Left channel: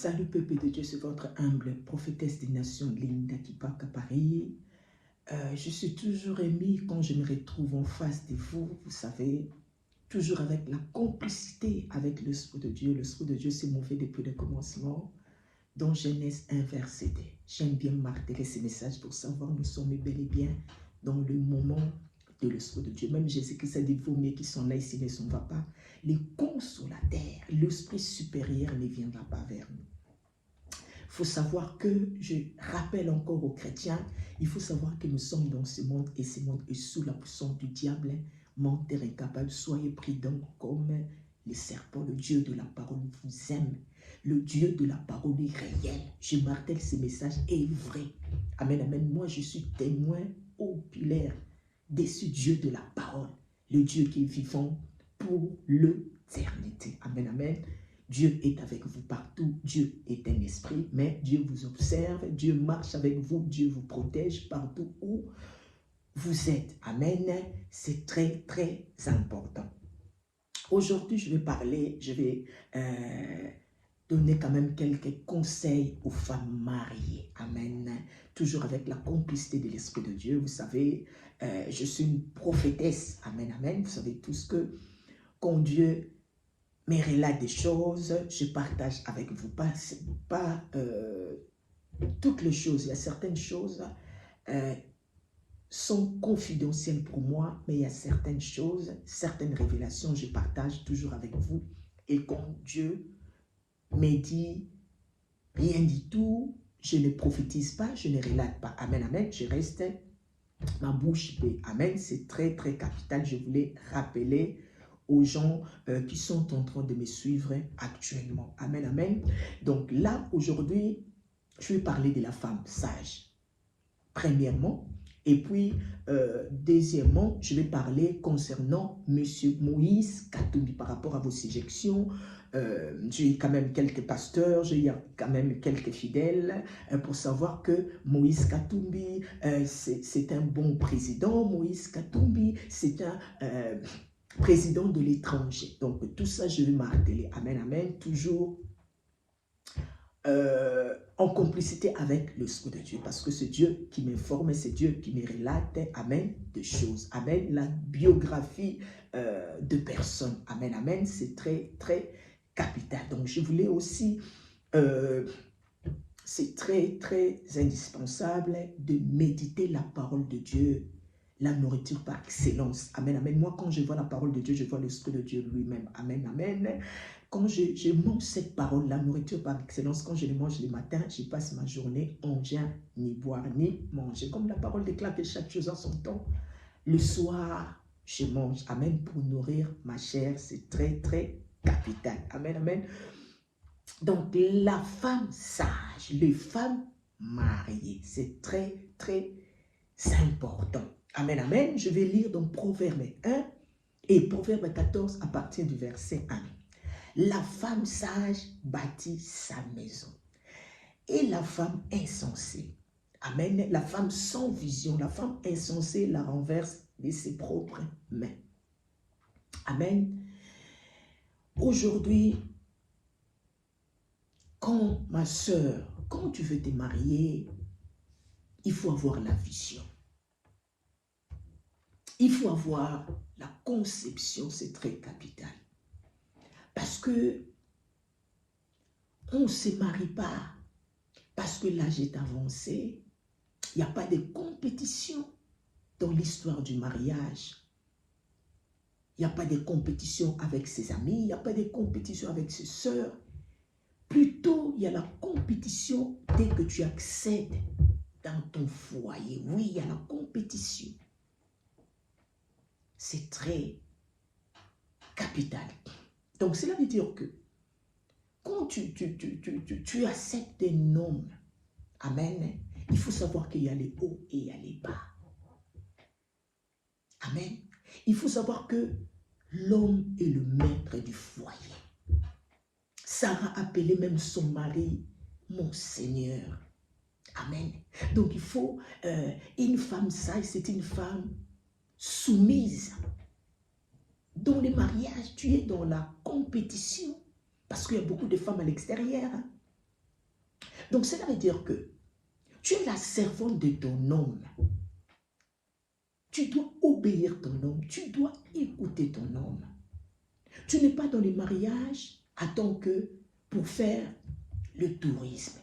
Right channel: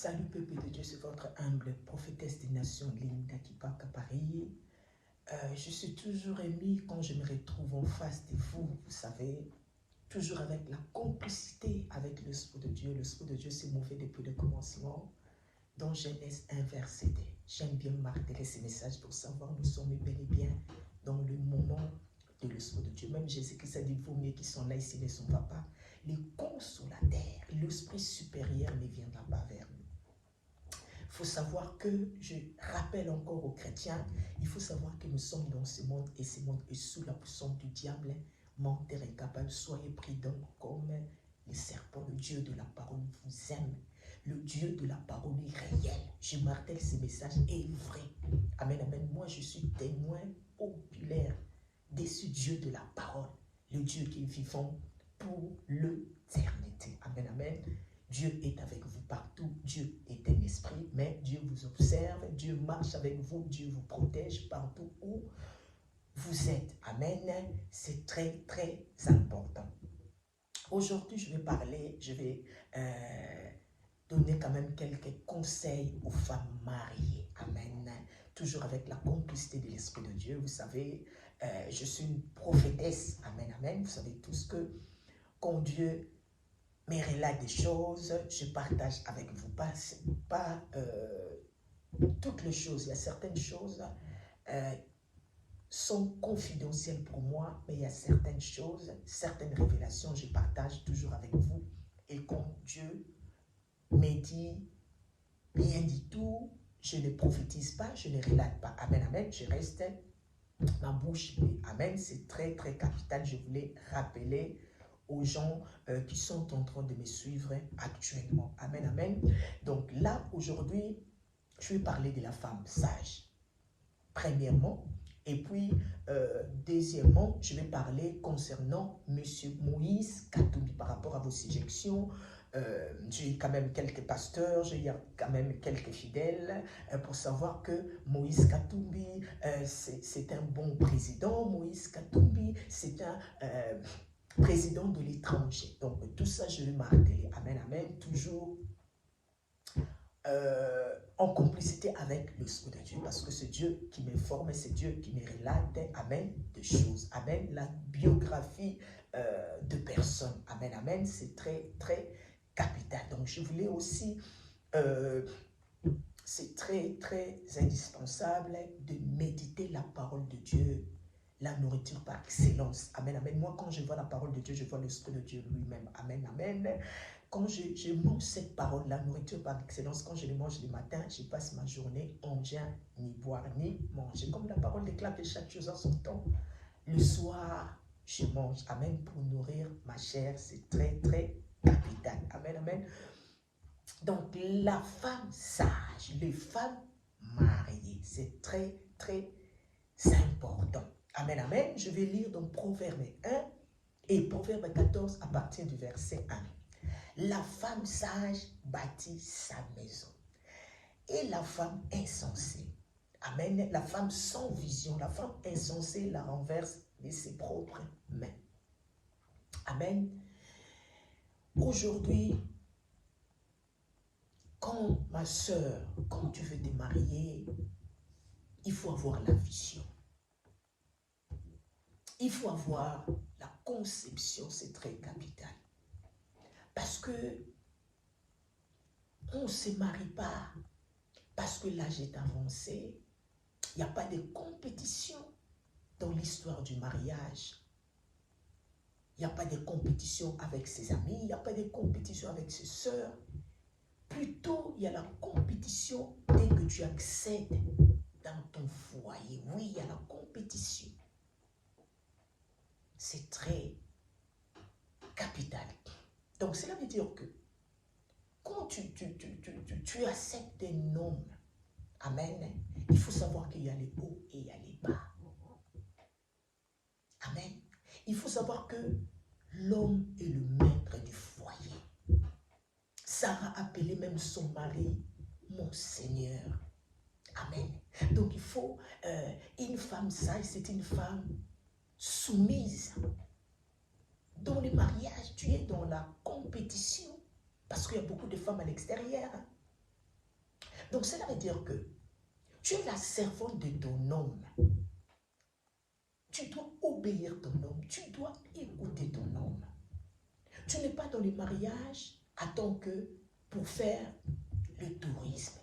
Salut peuple de Dieu, c'est votre humble prophétesse des nations, Linda Kipaka Paris. Je suis toujours émue quand je me retrouve en face de vous, vous savez, toujours avec la complicité avec l'Esprit de Dieu. L'Esprit de Dieu s'est mouvé depuis le commencement, dans Genèse 1, verset 2. J'aime bien marteler ces messages pour savoir nous sommes bel et bien dans le moment de l'Esprit de Dieu. Même Jésus-Christ a dit, vous, mais qui sont là ici ne s'en va pas. Les consolateurs, l'Esprit supérieur ne viendra pas vers nous. Il faut savoir que, je rappelle encore aux chrétiens, il faut savoir que nous sommes dans ce monde et ce monde est sous la puissance du diable, menteur incapable. Soyez prudents comme les serpents. Le Dieu de la parole vous aime. Le Dieu de la parole est réel. Je martèle ce message est vrai. Amen, amen. Moi, je suis témoin oculaire de ce Dieu de la parole. Le Dieu qui est vivant pour l'éternité. Amen, amen. Dieu est avec vous partout, Dieu est un esprit, mais Dieu vous observe, Dieu marche avec vous, Dieu vous protège partout où vous êtes. Amen, c'est très très important. Aujourd'hui, je vais donner quand même quelques conseils aux femmes mariées. Amen, toujours avec la complicité de l'Esprit de Dieu. Vous savez, je suis une prophétesse. Amen, amen. Vous savez tous que quand Dieu mais relate des choses, je partage avec vous, pas toutes les choses. Il y a certaines choses sont confidentielles pour moi, mais il y a certaines choses, certaines révélations, je partage toujours avec vous. Et quand Dieu me dit rien du tout, je ne prophétise pas, je ne relate pas. Amen, amen, je reste ma bouche bée. Amen, c'est très très capital. Je voulais rappeler aux gens qui sont en train de me suivre actuellement. Amen, amen. Donc là, aujourd'hui, je vais parler de la femme sage, premièrement. Et puis, deuxièmement, je vais parler concernant M. Moïse Katumbi par rapport à vos suggestions. J'ai quand même quelques pasteurs, j'ai quand même quelques fidèles pour savoir que Moïse Katumbi, c'est un bon président. Moïse Katumbi, c'est un président de l'étranger. Donc, tout ça, je vais marteler. Amen, amen. Toujours en complicité avec l'Esprit de Dieu. Parce que c'est Dieu qui m'informe, c'est Dieu qui me relate, amen, des choses. Amen. La biographie de personnes. Amen, amen. C'est très, très capital. Donc, je voulais aussi... c'est très, très indispensable de méditer la parole de Dieu, la nourriture par excellence. Amen, amen. Moi, quand je vois la parole de Dieu, je vois l'Esprit de Dieu lui-même. Amen, amen. Quand je mange cette parole, la nourriture par excellence, quand je le mange le matin, je passe ma journée en rien, ni boire, ni manger. Comme la parole déclare que chaque chose a son temps. Le soir, je mange. Amen, pour nourrir ma chair. C'est très, très capital. Amen, amen. Donc, la femme sage, les femmes mariées, c'est très, très important. Amen, amen. Je vais lire dans Proverbe 1 et Proverbe 14 à partir du verset 1. La femme sage bâtit sa maison et la femme insensée. Amen. La femme sans vision, la femme insensée la renverse de ses propres mains. Amen. Aujourd'hui, quand ma soeur, quand tu veux te marier, il faut avoir la vision. Il faut avoir la conception, c'est très capital. Parce que on ne se marie pas parce que l'âge est avancé. Il n'y a pas de compétition dans l'histoire du mariage. Il n'y a pas de compétition avec ses amis, il n'y a pas de compétition avec ses sœurs. Plutôt, il y a la compétition dès que tu accèdes dans ton foyer. Oui, il y a la compétition. C'est très capital. Donc, cela veut dire que quand tu acceptes un homme, amen, il faut savoir qu'il y a les hauts et il y a les bas. Amen. Il faut savoir que l'homme est le maître du foyer. Sarah appelait même son mari mon Seigneur. Amen. Donc il faut, une femme sage, c'est une femme soumise. Dans les mariages, tu es dans la compétition. Parce qu'il y a beaucoup de femmes à l'extérieur. Hein. Donc cela veut dire que tu es la servante de ton homme. Tu dois obéir ton homme, tu dois écouter ton homme. Tu n'es pas dans le mariage en tant que pour faire le tourisme.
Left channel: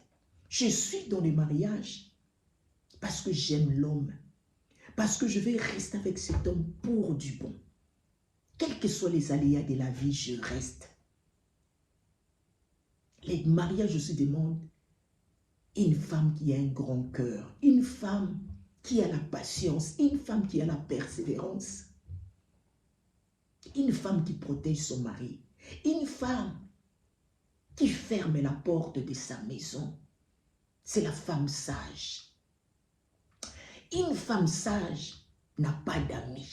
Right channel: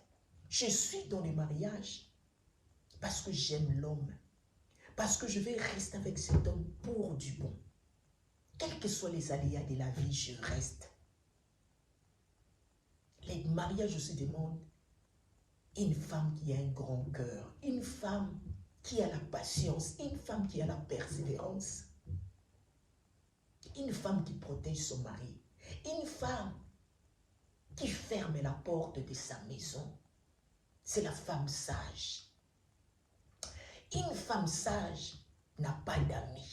Je suis dans le mariage parce que j'aime l'homme, parce que je vais rester avec cet homme pour du bon. Quels que soient les aléas de la vie, je reste. Les mariages aussi demandent une femme qui a un grand cœur, une femme qui a la patience, une femme qui a la persévérance, une femme qui protège son mari, une femme qui ferme la porte de sa maison. C'est la femme sage. Une femme sage n'a pas d'amis.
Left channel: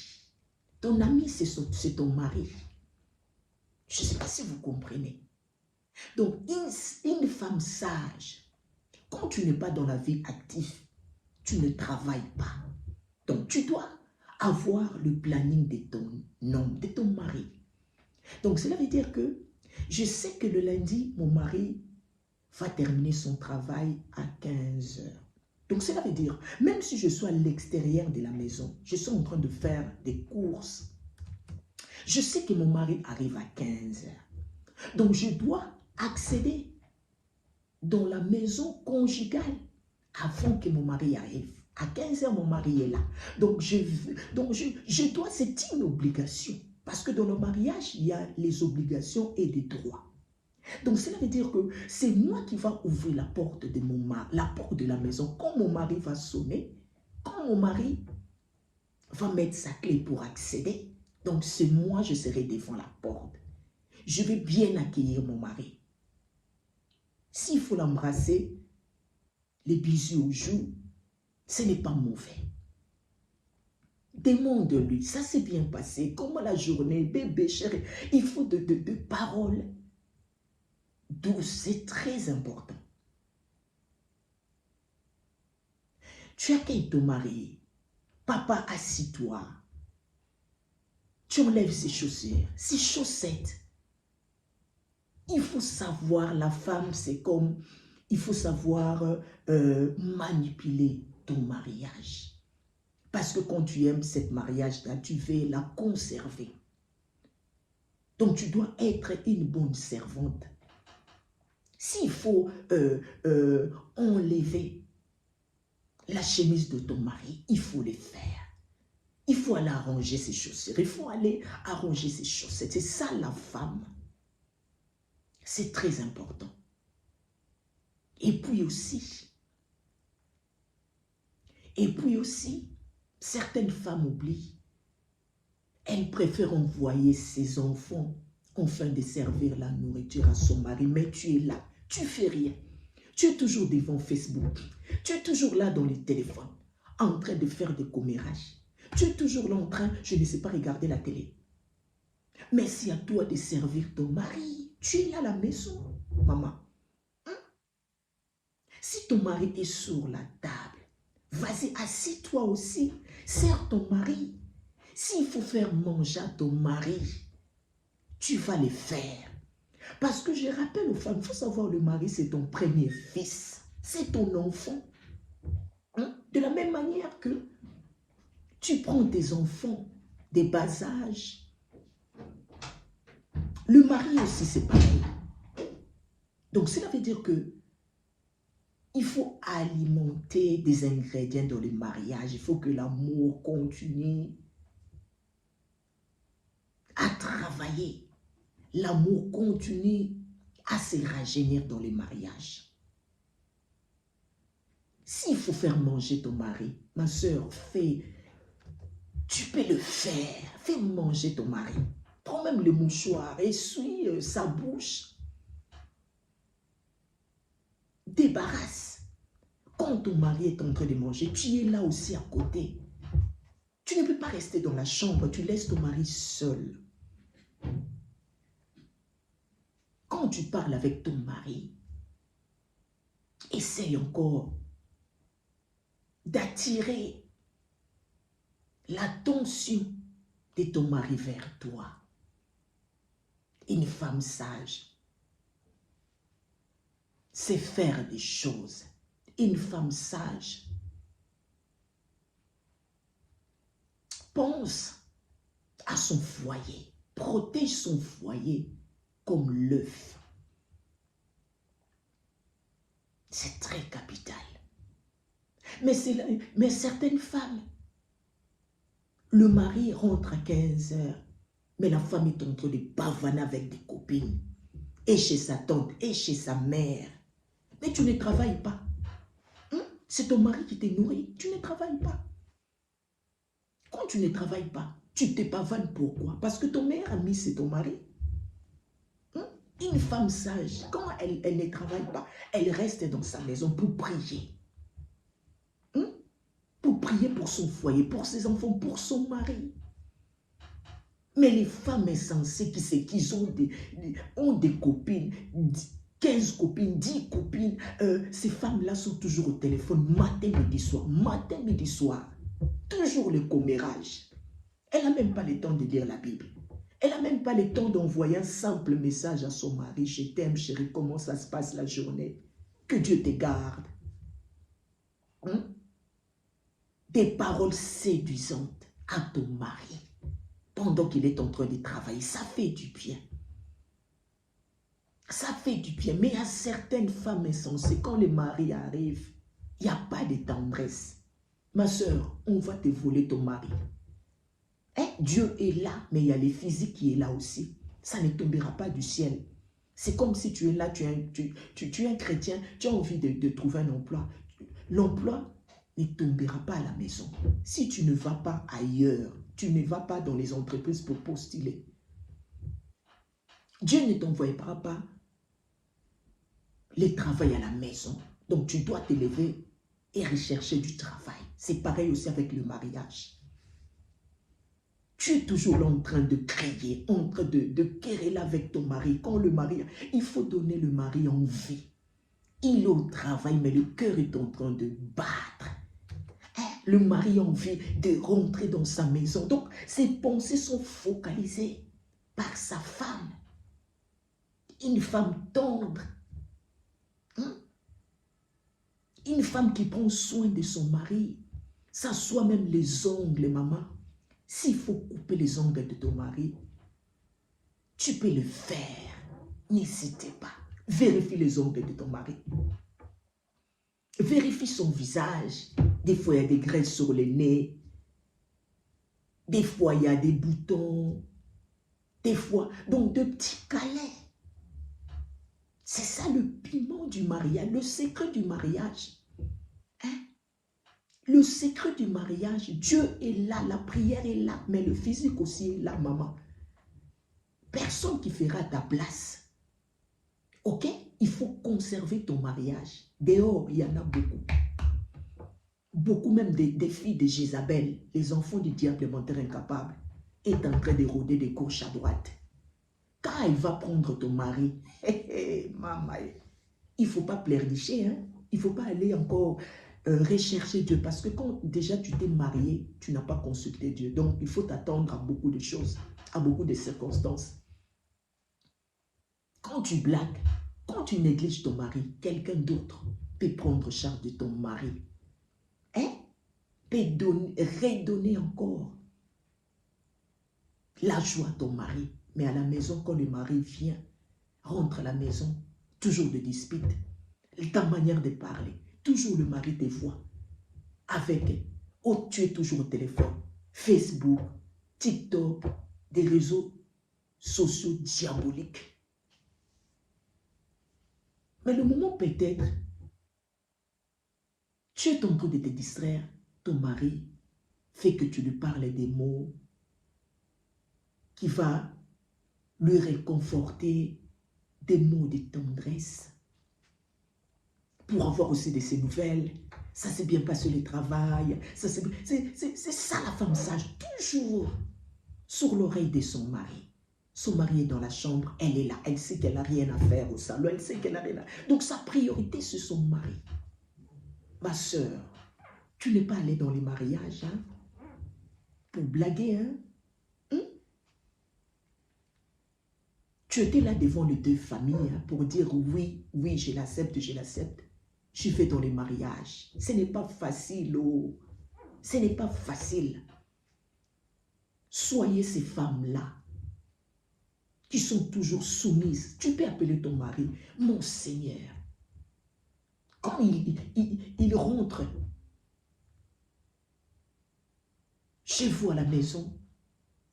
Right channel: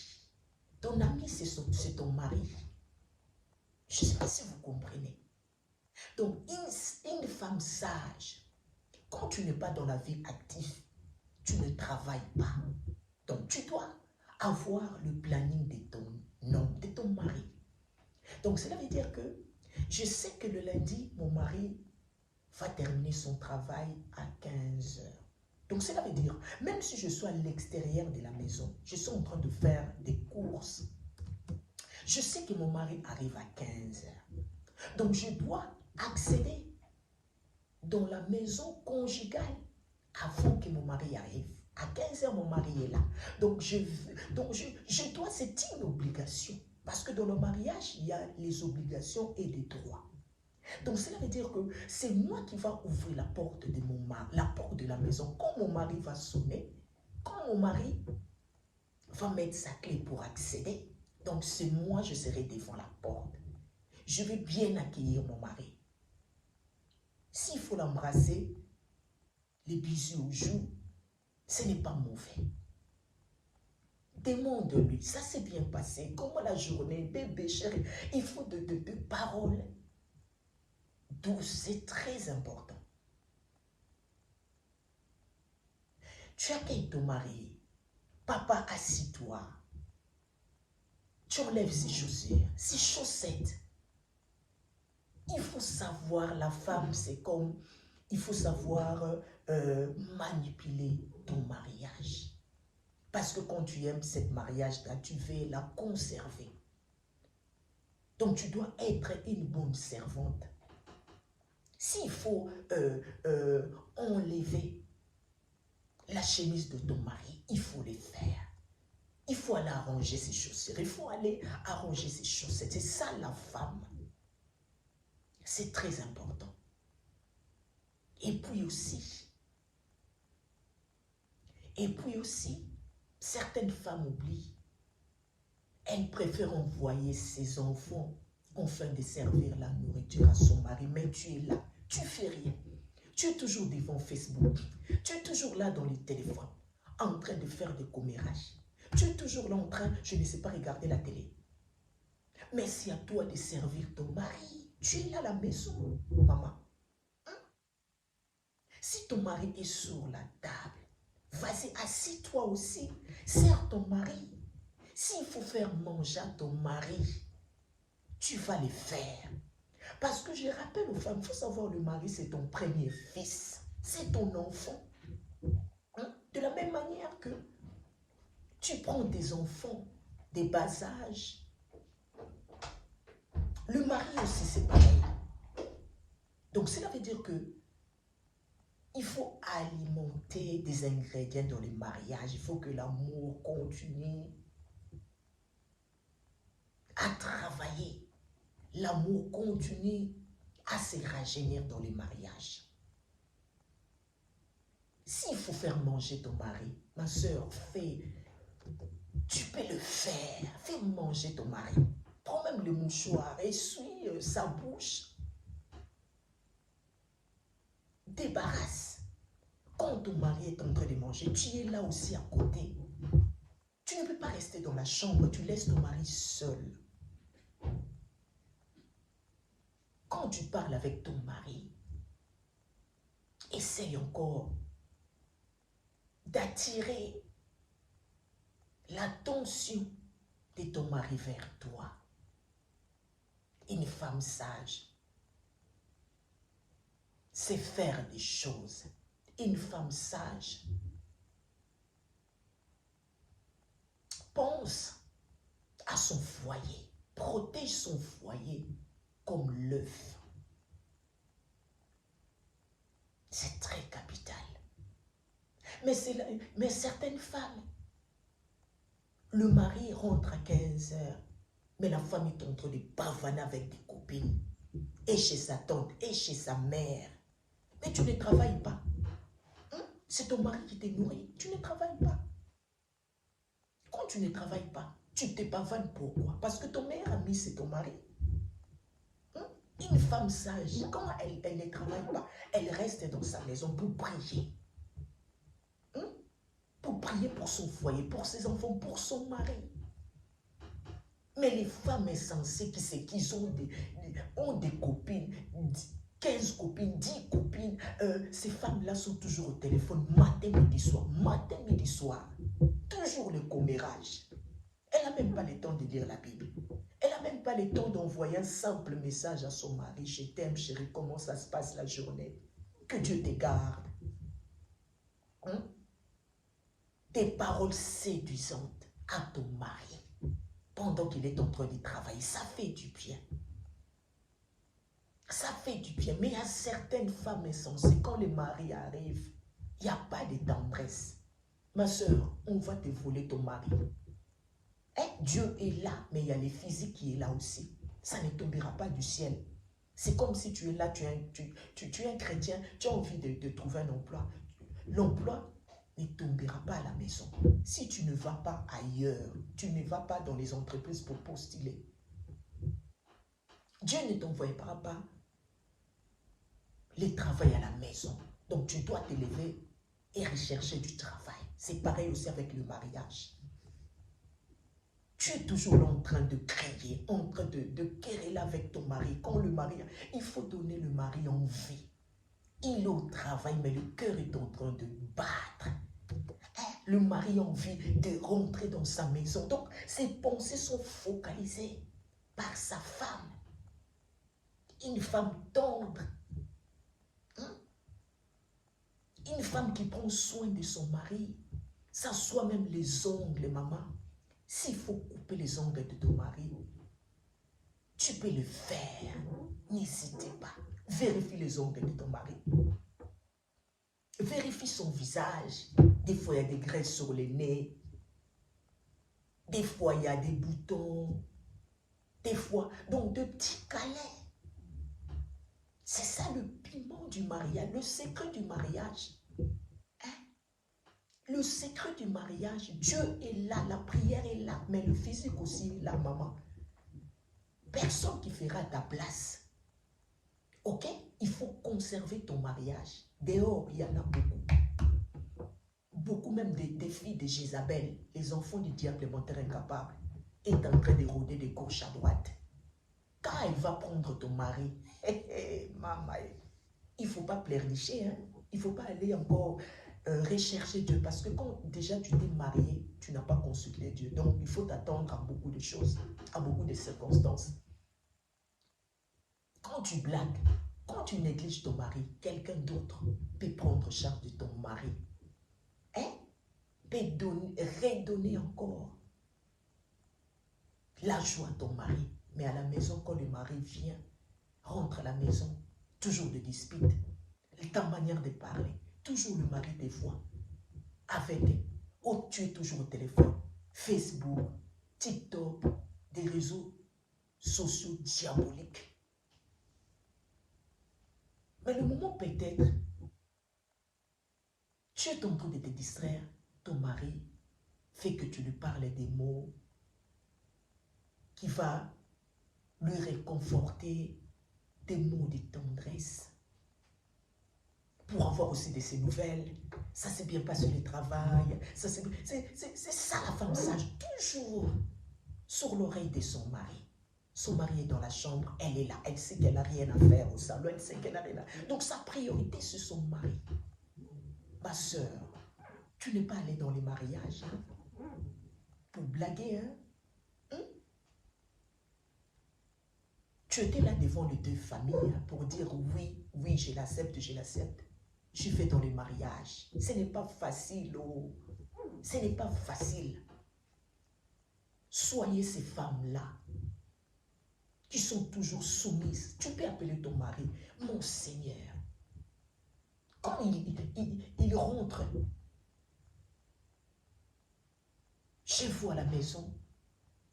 Ton ami, c'est ton mari. Je ne sais pas si vous comprenez. Donc, une femme sage, quand tu n'es pas dans la vie active, tu ne travailles pas. Donc, tu dois avoir le planning de ton homme, de ton mari. Donc, cela veut dire que je sais que le lundi, mon mari va terminer son travail à 15 heures. Donc, cela veut dire, même si je suis à l'extérieur de la maison, je suis en train de faire des courses, je sais que mon mari arrive à 15 heures. Donc, je dois accéder dans la maison conjugale avant que mon mari arrive. À 15 heures, mon mari est là. Donc, je dois, c'est une obligation. Parce que dans le mariage, il y a les obligations et les droits. Donc, cela veut dire que c'est moi qui va ouvrir la porte de mon mari, la porte de la maison. Quand mon mari va sonner, quand mon mari va mettre sa clé pour accéder, donc c'est moi, je serai devant la porte. Je vais bien accueillir mon mari. S'il faut l'embrasser, les bisous aux joues, ce n'est pas mauvais. Demande-lui, ça s'est bien passé, comment la journée, bébé chéri, il faut de paroles douces, c'est très important. Tu accueilles ton mari, papa assis-toi, tu enlèves ses chaussures, ses chaussettes. Il faut savoir, la femme c'est comme, il faut savoir manipuler ton mariage. Parce que quand tu aimes cette mariage-là, tu veux la conserver. Donc tu dois être une bonne servante. S'il faut enlever la chemise de ton mari, il faut le faire. Il faut aller arranger ses chaussures, il faut aller arranger ses chaussettes. C'est ça la femme. C'est très important. Et puis aussi, certaines femmes oublient. Elles préfèrent envoyer ses enfants afin de servir la nourriture à son mari. Mais tu es là, tu ne fais rien. Tu es toujours devant Facebook. Tu es toujours là dans les téléphones, en train de faire des commérages. Tu es toujours là en train, je ne sais pas, regarder la télé. Mais c'est à toi de servir ton mari. Tu es là à la maison, maman. Hein? Si ton mari est sur la table, vas-y, assis-toi aussi. Sers ton mari. S'il faut faire manger à ton mari, tu vas le faire. Parce que je rappelle aux femmes, il faut savoir, le mari, c'est ton premier fils. C'est ton enfant. Hein? De la même manière que tu prends tes enfants des bas âges. Le mari aussi, c'est pareil. Donc, cela veut dire que il faut alimenter des ingrédients dans le mariage. Il faut que l'amour continue à travailler. L'amour continue à se rajeunir dans le mariage. S'il faut faire manger ton mari, ma soeur, tu peux le faire. Fais manger ton mari. Prends même le mouchoir, essuie sa bouche. Débarrasse. Quand ton mari est en train de manger, tu es là aussi à côté. Tu ne peux pas rester dans la chambre, tu laisses ton mari seul. Quand tu parles avec ton mari, essaye encore d'attirer l'attention de ton mari vers toi. Une femme sage, c'est faire des choses. Une femme sage pense à son foyer, protège son foyer comme l'œuf. C'est très capital. Mais certaines femmes, le mari rentre à 15 heures, mais la femme est en train de pavaner avec des copines, et chez sa tante, et chez sa mère. Mais tu ne travailles pas. C'est ton mari qui te nourrit, tu ne travailles pas. Quand tu ne travailles pas, tu te pavanes pourquoi? Parce que ton meilleur ami, c'est ton mari. Une femme sage, quand elle ne travaille pas, elle reste dans sa maison pour prier. Pour prier pour son foyer, pour ses enfants, pour son mari. Mais les femmes insensées qui ont des copines, 15 copines, 10 copines, ces femmes-là sont toujours au téléphone, matin, midi, soir. Toujours le commérage. Elle n'a même pas le temps de lire la Bible. Elle n'a même pas le temps d'envoyer un simple message à son mari. Je t'aime, chérie, comment ça se passe la journée? Que Dieu te garde. Des paroles séduisantes à ton mari pendant qu'il est en train de travailler. Ça fait du bien. Ça fait du bien. Mais à certaines femmes insensées, quand le mari arrive, il n'y a pas de tendresse. Ma soeur, on va te voler ton mari. Dieu est là, mais il y a le physique qui est là aussi. Ça ne tombera pas du ciel. C'est comme si tu es là, tu es un chrétien, tu as envie de trouver un emploi. L'emploi ne tombera pas à la maison. Si tu ne vas pas ailleurs, tu ne vas pas dans les entreprises pour postuler. Dieu ne t'envoyera pas le travail à la maison. Donc tu dois te lever et rechercher du travail. C'est pareil aussi avec le mariage. Tu es toujours là en train de crier, en train de quereller avec ton mari. Quand le mari, il faut donner le mari envie. Il est au travail, mais le cœur est en train de battre. Le mari a envie de rentrer dans sa maison. Donc, ses pensées sont focalisées par sa femme. Une femme tendre. Une femme qui prend soin de son mari. Ça soit même les ongles, maman. S'il faut couper les ongles de ton mari, tu peux le faire. N'hésitez pas. Vérifie les ongles de ton mari. Vérifie son visage. Des fois, il y a des graisses sur le nez. Des fois, il y a des boutons. Des fois, donc de petits câlins. C'est ça le piment du mariage, le secret du mariage. Le secret du mariage, Dieu est là, la prière est là, mais le physique aussi est là, maman. Personne qui fera ta place. Ok? Il faut conserver ton mariage. Dehors, il y en a beaucoup. Beaucoup même des filles de Jézabel, les enfants du diable menteur incapable, est en train de rôder de gauche à droite. Quand elle va prendre ton mari, maman, il ne faut pas pleurnicher, hein? Il ne faut pas aller encore rechercher Dieu. Parce que quand déjà tu t'es marié, tu n'as pas consulté Dieu. Donc il faut t'attendre à beaucoup de choses, à beaucoup de circonstances. Quand tu blagues, quand tu négliges ton mari, quelqu'un d'autre peut prendre charge de ton mari. Peut redonner encore la joie à ton mari. Mais à la maison, quand le mari vient, rentre à la maison, toujours de disputes, ta manière de parler, toujours le mari te voit avec, tu es toujours au téléphone, Facebook, TikTok, des réseaux sociaux diaboliques. Mais le moment peut-être, tu es en train de te distraire, ton mari fait que tu lui parles des mots qui va lui réconforter, des mots de tendresse, pour avoir aussi de ses nouvelles. Ça s'est bien passé le travail. C'est ça la femme sage, toujours sur l'oreille de son mari. Son mari est dans la chambre, elle est là, elle sait qu'elle n'a rien à faire au salon, elle sait qu'elle n'a rien à faire. Donc sa priorité c'est son mari. Ma soeur, tu n'es pas allée dans les mariages hein, pour blaguer. Hein? Tu étais là devant les deux familles pour dire oui, oui, je l'accepte, je l'accepte. Je fais dans les mariages. Ce n'est pas facile, oh. Ce n'est pas facile. Soyez ces femmes-là qui sont toujours soumises. Tu peux appeler ton mari, mon Seigneur. Quand il rentre chez vous à la maison,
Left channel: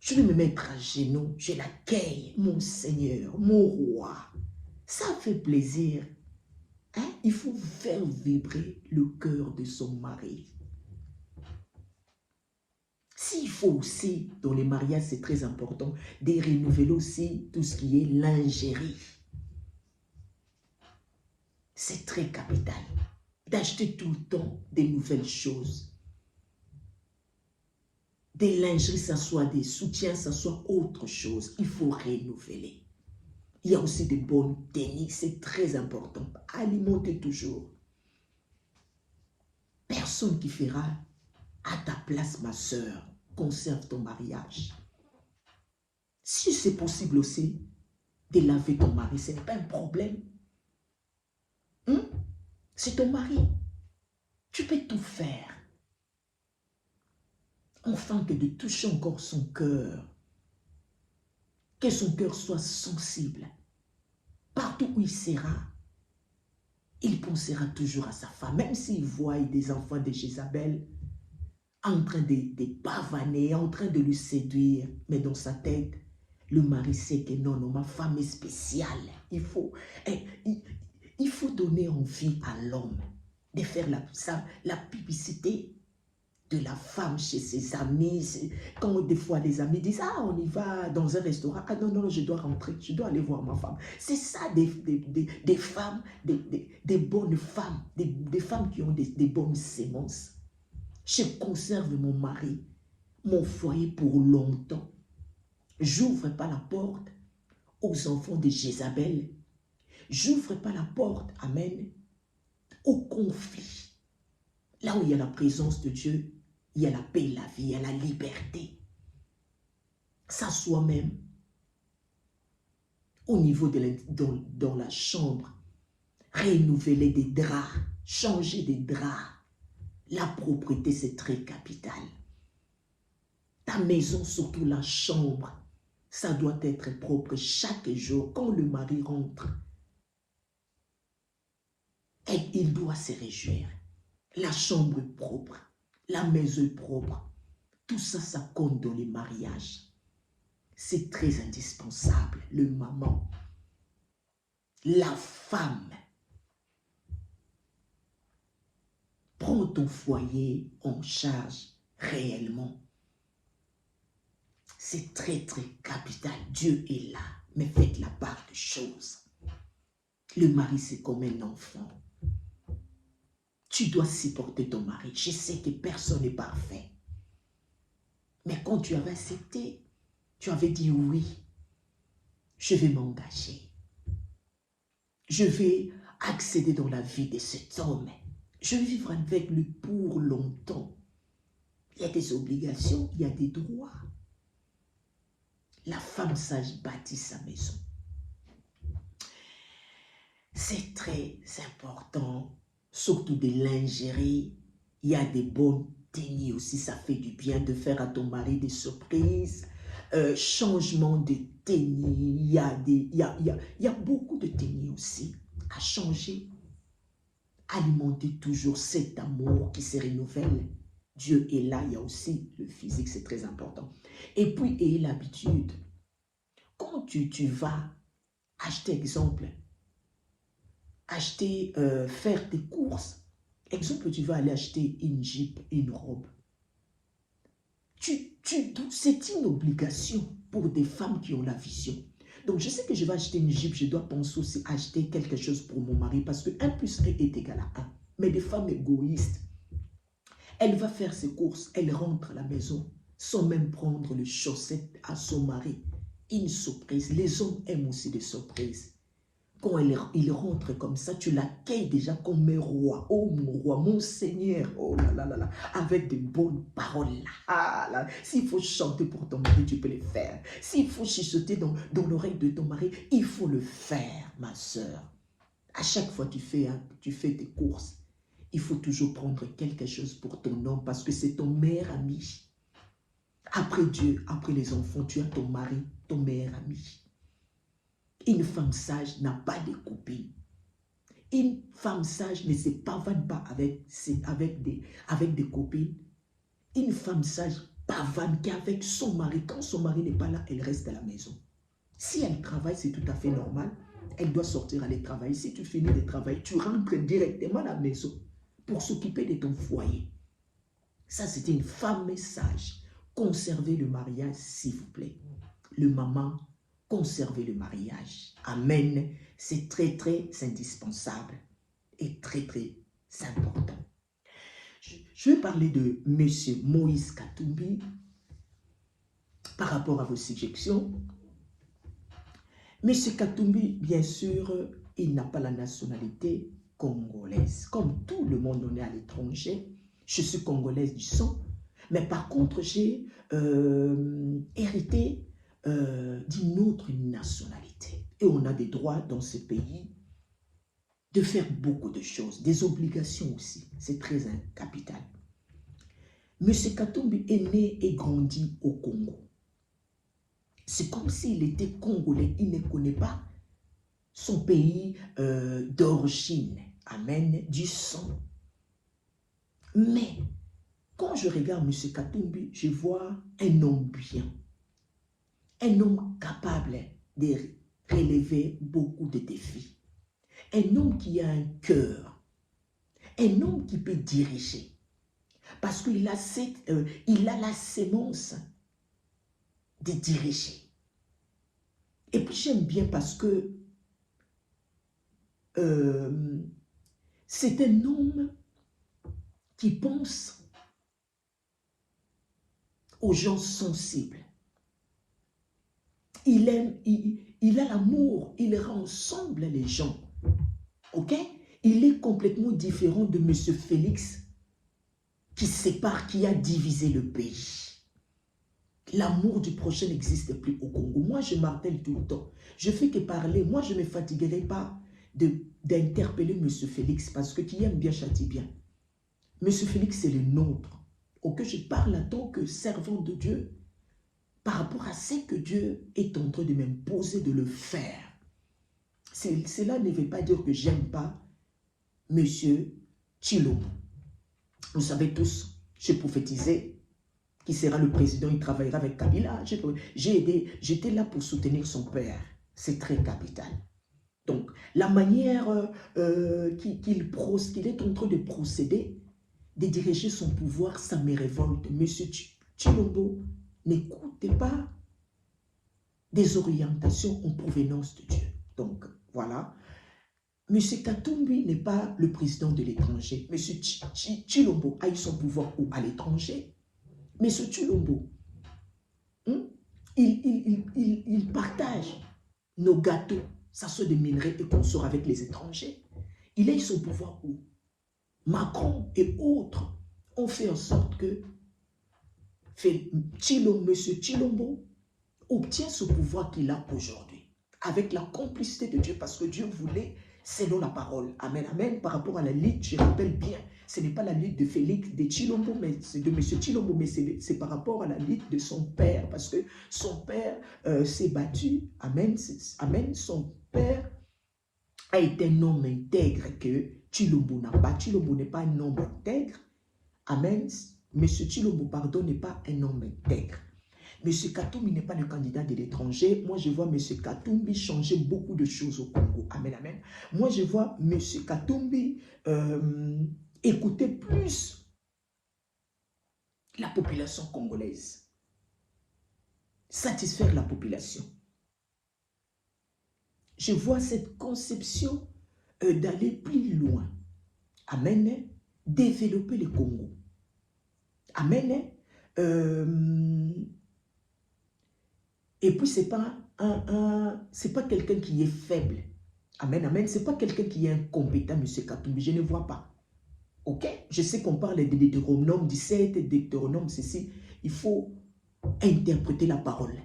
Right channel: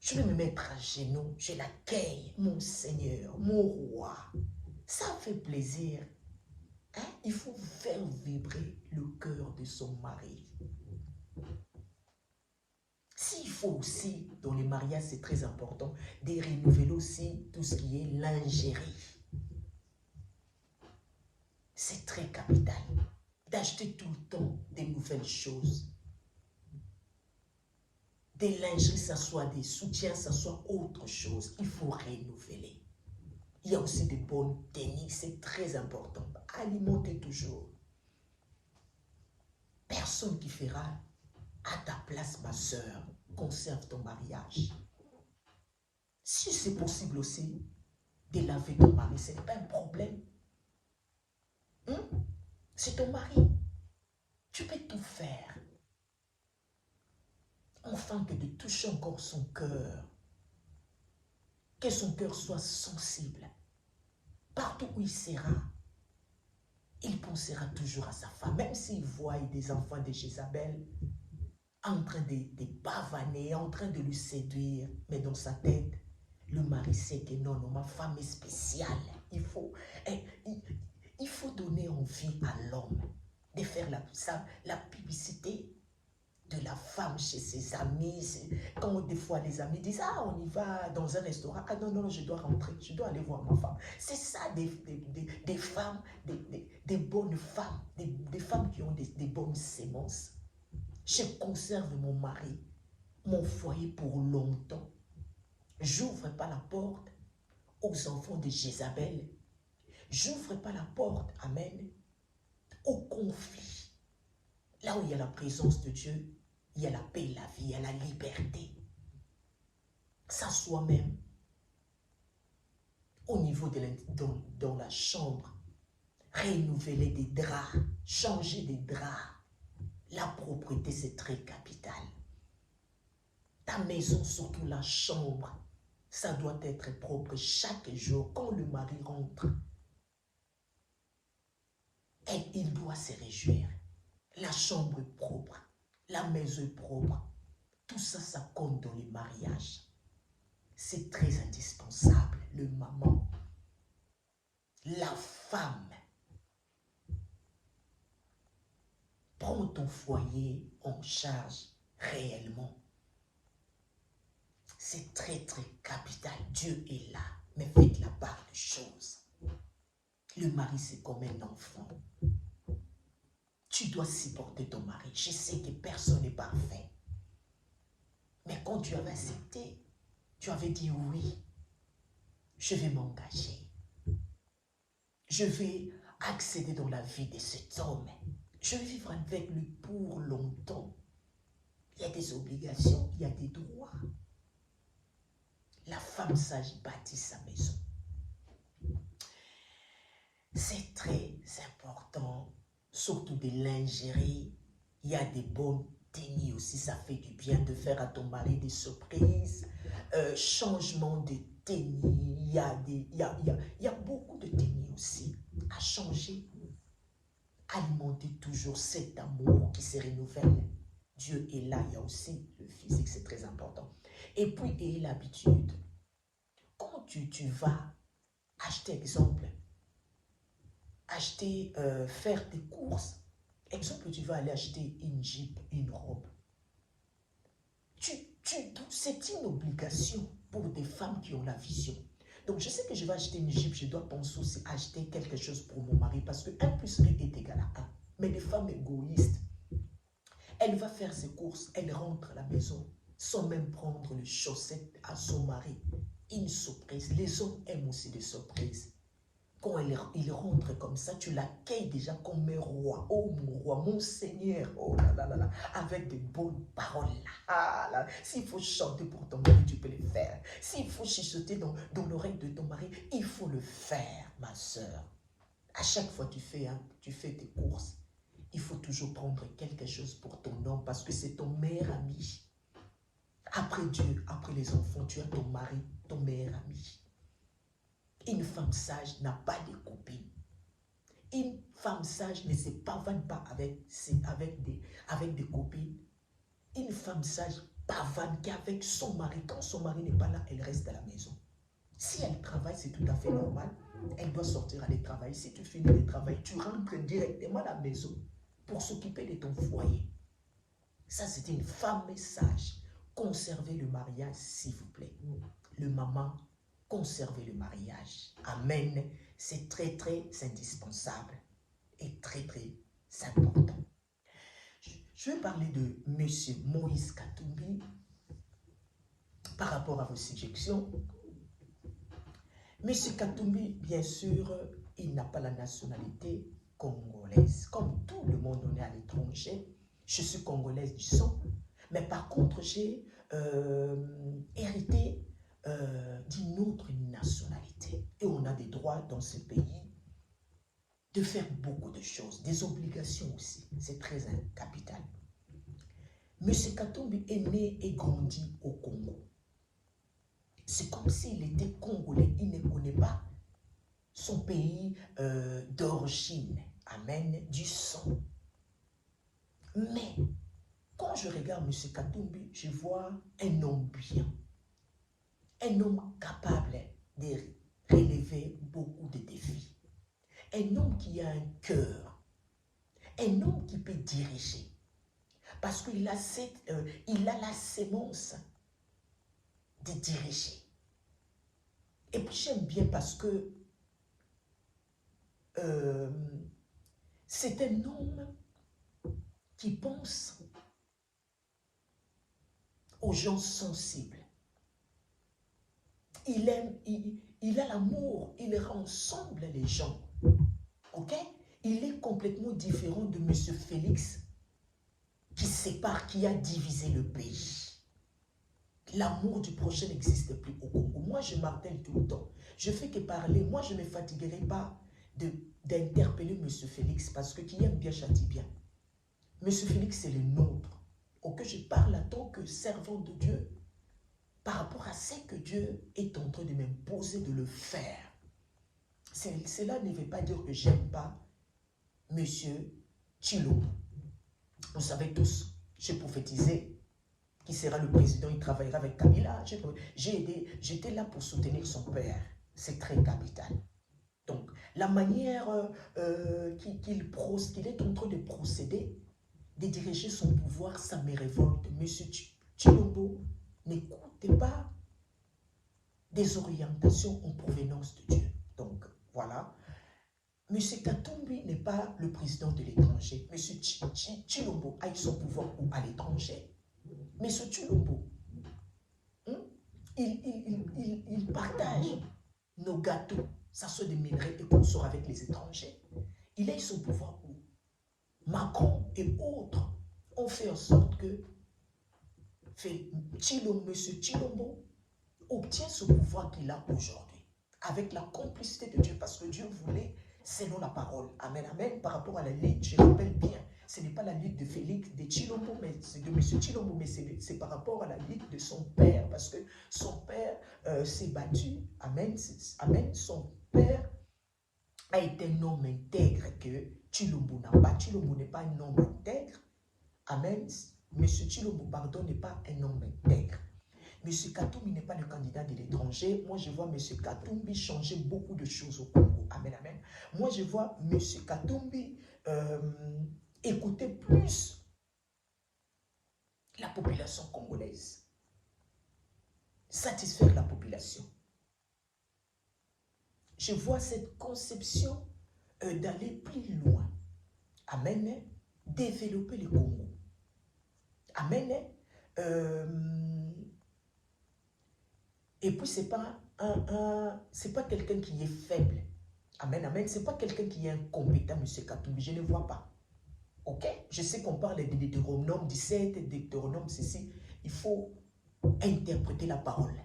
je vais me mettre à genoux, je l'accueille, mon Seigneur, mon roi. Ça fait plaisir. Hein? Il faut faire vibrer le cœur de son mari. S'il faut aussi, dans les mariages, c'est très important, de renouveler aussi tout ce qui est lingerie. C'est très capital. D'acheter tout le temps des nouvelles choses. Des lingeries, ça soit des soutiens, ça soit autre chose. Il faut renouveler. Il y a aussi des bonnes techniques, c'est très important. Alimenter toujours. Personne qui fera à ta place, ma soeur. Conserve ton mariage. Si c'est possible aussi de laver ton mari, ce n'est pas un problème. C'est ton mari. Tu peux tout faire. Enfin que de toucher encore son cœur. Que son cœur soit sensible. Partout où il sera, il pensera toujours à sa femme. Même s'il voit des enfants de Jézabel en train de pavaner, en train de lui séduire, mais dans sa tête, le mari sait que non, non, ma femme est spéciale. Il faut donner envie à l'homme de faire la publicité de la femme chez ses amis. Quand des fois les amis disent, ah, on y va dans un restaurant, ah non, non, je dois rentrer, je dois aller voir ma femme. C'est ça des femmes, des bonnes femmes, des femmes qui ont des bonnes sémences. Je conserve mon mari, mon foyer pour longtemps. J'ouvre pas la porte aux enfants de Jézabel. J'ouvre pas la porte, amen, au conflit. Là où il y a la présence de Dieu, il y a la paix, la vie, il y a la liberté. S'assoit même au niveau dans la chambre, renouveler des draps, changer des draps. La propreté, c'est très capital. Ta maison, surtout la chambre, ça doit être propre chaque jour. Quand le mari rentre, il doit se réjouir. La chambre est propre, la maison est propre. Tout ça, ça compte dans les mariages. C'est très indispensable. Le maman, la femme. Prends ton foyer en charge réellement. C'est très, très capital. Dieu est là, mais faites la part des choses. Le mari, c'est comme un enfant. Tu dois supporter ton mari. Je sais que personne n'est parfait. Mais quand tu avais accepté, tu avais dit oui, je vais m'engager. Je vais accéder dans la vie de cet homme. Je vais vivre avec lui pour longtemps. Il y a des obligations, il y a des droits. La femme sage bâtit sa maison. C'est très important, surtout des lingeries. Il y a des bonnes tenues aussi, ça fait du bien de faire à ton mari des surprises. Changement de tenues, il y a beaucoup de tenues aussi à changer. Alimenter toujours cet amour qui se renouvelle. Dieu est là, il y a aussi le physique, c'est très important. Et puis, ayez l'habitude, quand tu vas acheter, exemple, faire tes courses, exemple, tu vas aller acheter une jupe, une robe. C'est une obligation pour des femmes qui ont la vision. Donc, je sais que je vais acheter une jupe, je dois penser aussi à acheter quelque chose pour mon mari parce que 1 plus 1 est égal à 1. Mais des femmes égoïstes, elle va faire ses courses, elle rentre à la maison sans même prendre les chaussettes à son mari. Une surprise. Les hommes aiment aussi des surprises. quand il rentre comme ça, tu l'accueilles déjà comme un roi. Oh mon roi, mon Seigneur, oh là là là là, avec de bonnes paroles là. Ah, là. S'il faut chanter pour ton mari, tu peux le faire. S'il faut chuchoter dans l'oreille de ton mari, il faut le faire, ma soeur. À chaque fois que tu fais tes courses, il faut toujours prendre quelque chose pour ton homme parce que c'est ton meilleur ami. Après Dieu, après les enfants, tu as ton mari, ton meilleur ami. Une femme sage n'a pas de copine. Une femme sage ne se pavane pas avec des copines. Une femme sage pavane qu'avec son mari. Quand son mari n'est pas là, elle reste à la maison. Si elle travaille, c'est tout à fait normal. Elle doit sortir aller travailler. Si tu finis de travailler, tu rentres directement à la maison pour s'occuper de ton foyer. Ça, c'est une femme sage. Conservez le mariage, s'il vous plaît. Le maman, conservez le mariage. Amen. C'est très, très indispensable et très, très important. Je vais parler de M. Moïse Katumbi par rapport à vos suggestions. M. Katumbi, bien sûr, il n'a pas la nationalité congolaise. Comme tout le monde, on est à l'étranger. Je suis congolaise du sang. Mais par contre, j'ai hérité d'une autre nationalité. Et on a des droits dans ce pays de faire beaucoup de choses, des obligations aussi. C'est très capital. M. Katumbi est né et grandi au Congo. C'est comme s'il était congolais. Il ne connaît pas son pays d'origine. Amen, du sang. Mais quand je regarde M. Katumbi, je vois un homme bien. Un homme capable de relever beaucoup de défis. Un homme qui a un cœur. Un homme qui peut diriger. Parce qu'il a, il a la sémence de diriger. Et puis j'aime bien parce que c'est un homme qui pense aux gens sensibles. Il aime, il a l'amour, il rend ensemble les gens. Ok? Il est complètement différent de M. Félix qui sépare, qui a divisé le pays. L'amour du prochain n'existe plus au Congo. Moi, je martèle tout le temps. Je fais que parler. Moi, je ne me fatiguerai pas d'interpeller M. Félix parce que qui aime bien châtie bien. M. Félix, c'est le nôtre. Ok, je parle en tant que servant de Dieu par rapport à ce que Dieu est en train de m'imposer de le faire. Cela ne veut pas dire que j'aime pas M. Tshilombo. Vous savez tous, j'ai prophétisé qui sera le président, il travaillera avec Kabila. J'étais là pour soutenir son père. C'est très capital. Donc, la manière qu'il est en train de procéder, de diriger son pouvoir, ça me révolte. Monsieur Tshilombo, n'écoutez pas des orientations en provenance de Dieu. Donc, voilà. Monsieur Katumbi n'est pas le président de l'étranger. Monsieur Tshilombo a eu son pouvoir à l'étranger. Mais ce Tshilombo, il partage nos gâteaux, ça soit des minerais et qu'on sort avec les étrangers. Il a eu son pouvoir où Macron et autres ont fait en sorte que M. Tshilombo obtient ce pouvoir qu'il a aujourd'hui, avec la complicité de Dieu, parce que Dieu voulait, selon la parole. Amen, amen. Par rapport à la lutte, je rappelle bien, ce n'est pas la lutte de Félix, de Tshilombo, mais c'est de M. Tshilombo, mais c'est par rapport à la lutte de son père, parce que son père s'est battu. Amen, amen. Son père a été un homme intègre que Tshilombo n'a pas. Tshilombo n'est pas un homme intègre. Amen. M. Tshilombo, pardon, n'est pas un homme intègre. M. Katumbi n'est pas le candidat de l'étranger. Moi, je vois M. Katumbi changer beaucoup de choses au Congo. Amen, amen. Moi, je vois M. Katumbi écouter plus la population congolaise. Satisfaire la population. Je vois cette conception d'aller plus loin. Amen. Développer le Congo. Amen. Et puis, c'est pas quelqu'un qui est faible. Amen, amen. Ce n'est pas quelqu'un qui est incompétent, M. Katumbi. Je ne vois pas. Ok? Je sais qu'on parle de Deutéronome 17, Deutéronome ceci. Il faut interpréter la parole.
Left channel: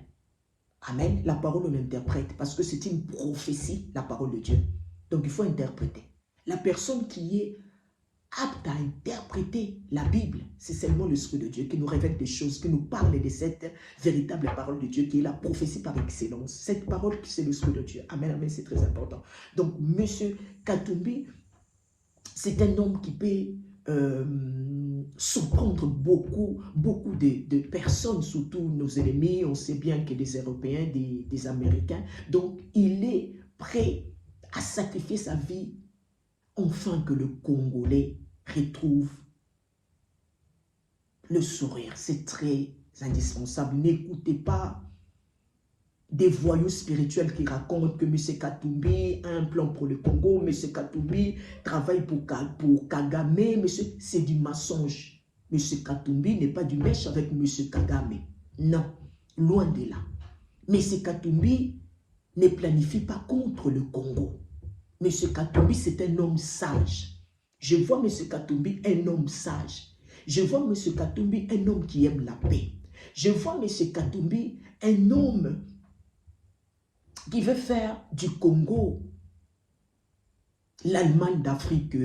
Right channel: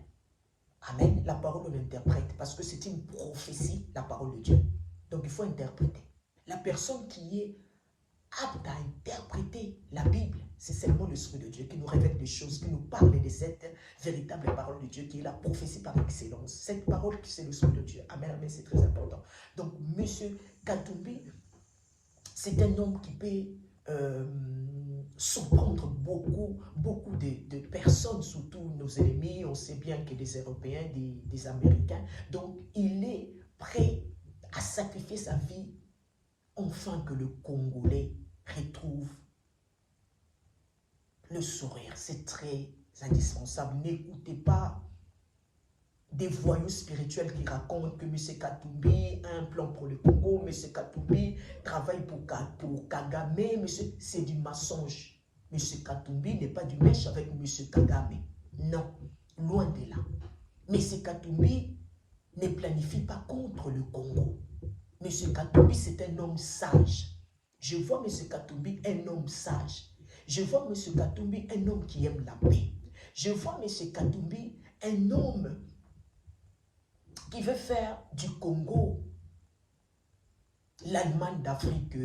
Amen. La parole, on l'interprète parce que c'est une prophétie, la parole de Dieu. Donc, il faut interpréter. La personne qui est apte à interpréter la Bible, c'est seulement l'Esprit de Dieu qui nous révèle des choses, qui nous parle de cette véritable parole de Dieu qui est la prophétie par excellence. Cette parole, c'est l'Esprit de Dieu. Amen, amen, c'est très important. Donc, M. Katumbi, c'est un homme qui peut surprendre beaucoup de personnes, surtout nos ennemis. On sait bien que des Européens, des Américains. Donc, il est prêt à sacrifier sa vie afin que le Congolais retrouve le sourire. C'est très indispensable. N'écoutez pas des voyous spirituels qui racontent que M. Katumbi a un plan pour le Congo, M. Katumbi travaille pour Kagame, c'est du mensonge. M. Katumbi n'est pas du mèche avec M. Kagame. Non, loin de là. M. Katumbi ne planifie pas contre le Congo. M. Katumbi, c'est un homme sage. Je vois M. Katumbi un homme sage. Je vois M. Katumbi un homme qui aime la paix. Je vois M. Katumbi un homme qui veut faire du Congo l'Allemagne d'Afrique.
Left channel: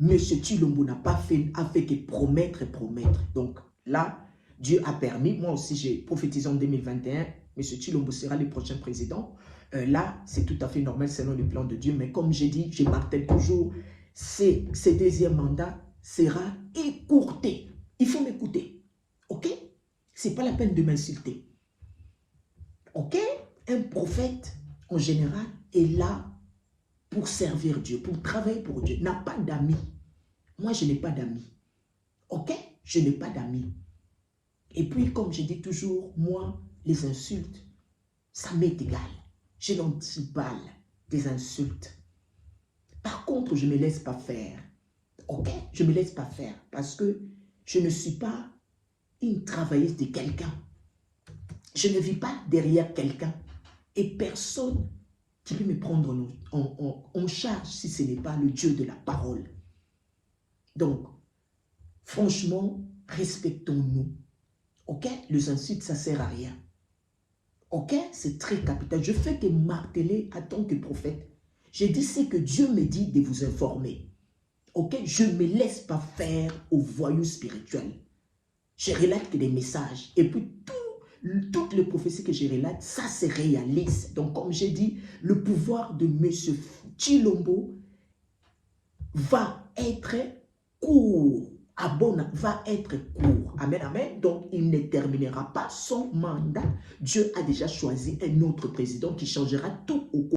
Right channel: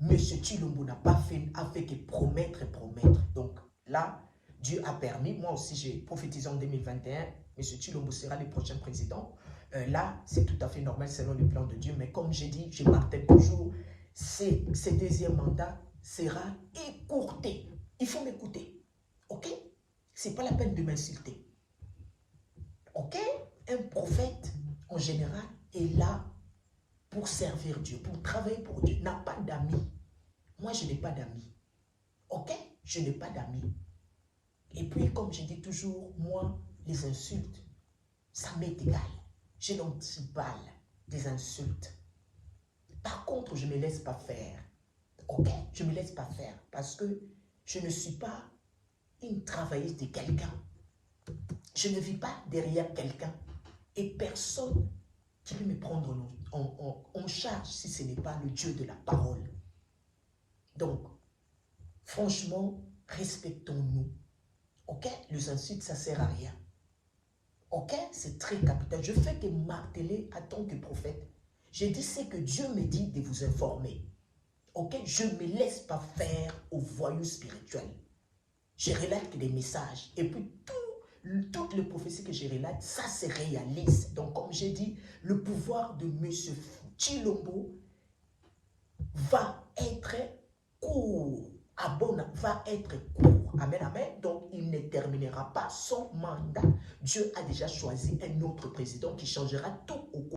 M. Tshilombo n'a pas fait, a fait que promettre et promettre. Donc là, Dieu a permis, moi aussi j'ai prophétisé en 2021, M. Tshilombo sera le prochain président. Là, c'est tout à fait normal selon le plan de Dieu. Mais comme j'ai dit, je martèle toujours, ce deuxième mandat sera écourté. Il faut m'écouter. Ok? Ce n'est pas la peine de m'insulter. Ok? Un prophète, en général, est là pour servir Dieu, pour travailler pour Dieu. N'a pas d'amis. Moi, je n'ai pas d'amis. Ok? Je n'ai pas d'amis. Et puis, comme je dis toujours, moi, les insultes, ça m'est égal. Je n'anti-balle des insultes. Par contre, je ne me laisse pas faire. Ok? Je ne me laisse pas faire parce que je ne suis pas une travailleuse de quelqu'un. Je ne vis pas derrière quelqu'un. Et personne qui peut me prendre en charge si ce n'est pas le Dieu de la parole. Donc, franchement, respectons-nous. Ok? Les insultes, ça ne sert à rien. Ok? C'est très capital. Je fais que marteler en tant que prophète. J'ai dit ce que Dieu me dit de vous informer. Ok? Je ne me laisse pas faire aux voyous spirituels. Je relate que des messages. Et puis, toutes les prophéties que je relate, ça se réalise. Donc, comme j'ai dit, le pouvoir de M. Tshilombo va être court. Va être court. Amen, amen. Donc, il ne terminera pas son mandat. Dieu a déjà choisi un autre président qui changera tout au cours.